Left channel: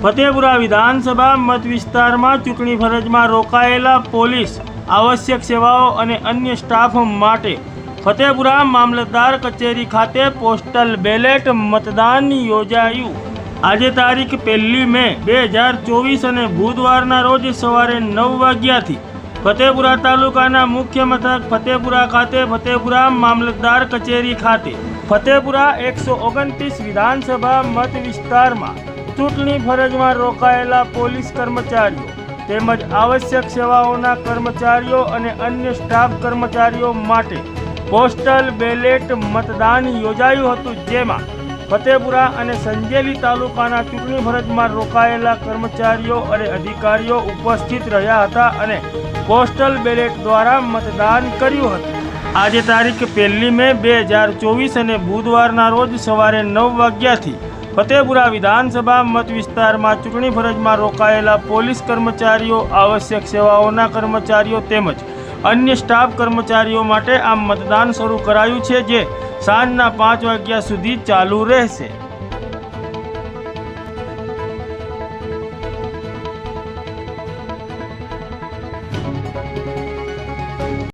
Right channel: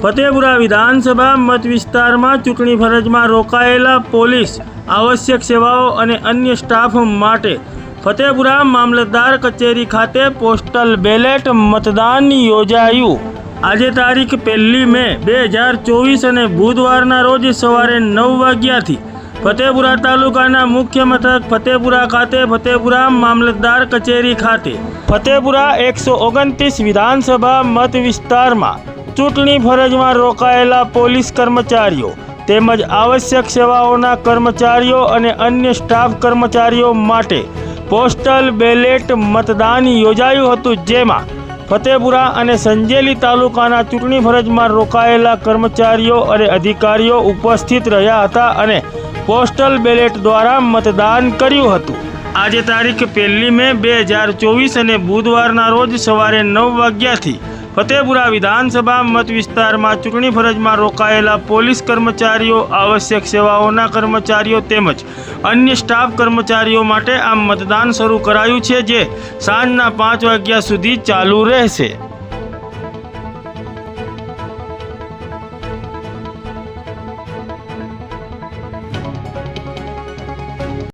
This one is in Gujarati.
ફતેપુરા વિધાનસભા મત વિસ્તારમાં ચૂંટણી ફરજમાં રોકાયેલા પોલીસ, આવશ્યક સેવાઓ અને અન્ય સ્ટાફ માટે ફતેપુરા મામલતદાર કચેરી ખાતે પોસ્ટલ બેલેટ મતદાન યોજાયું। આજે તારીખ 1 મે 2024 અને બુધવારના રોજ સવારે 9 વાગ્યાથી ફતેપુરા તાલુકાના મુખ્ય મથક ફતેપુરા ખાતે ફતેપુરા મામલતદાર કચેરી ખાતે ફતેપુરા 129 વિધાનસભા મત વિસ્તારમાં ચૂંટણી ફરજમાં રોકાયેલા પોલીસ કર્મચારીઓ તેમજ આવશ્યક સેવાઓના કર્મચારીઓ અને અન્ય સ્ટાફ કર્મચારીઓ માટે પોસ્ટલ બેલેટ મતદાન યોજાયું હતું, જેમાં ફતેપુરા અને સંજેલી તાલુકાના ચૂંટણી ફરજમાં રોકાયેલા કર્મચારીઓ અને અધિકારીઓ ઉપસ્થિત રહ્યા હતા અને પોસ્ટલ બેલેટ દ્વારા મતદાન કર્યું હતું। આજે તારીખ 1 મે 2024 અને બુધવારના રોજ સવારે 9 વાગ્યાથી ફતેપુરા વિધાનસભા મત વિસ્તારમાં ચૂંટણી ફરજમાં રોકાયેલા પોલીસ કર્મચારીઓ, આવશ્યક સેવાઓના કર્મચારીઓ તેમજ અન્ય સ્ટાફ કર્મચારીઓ માટે આ મતદાન શરૂ કરાયું છે, જે સાંજના 5 વાગ્યા સુધી ચાલુ રહેશે।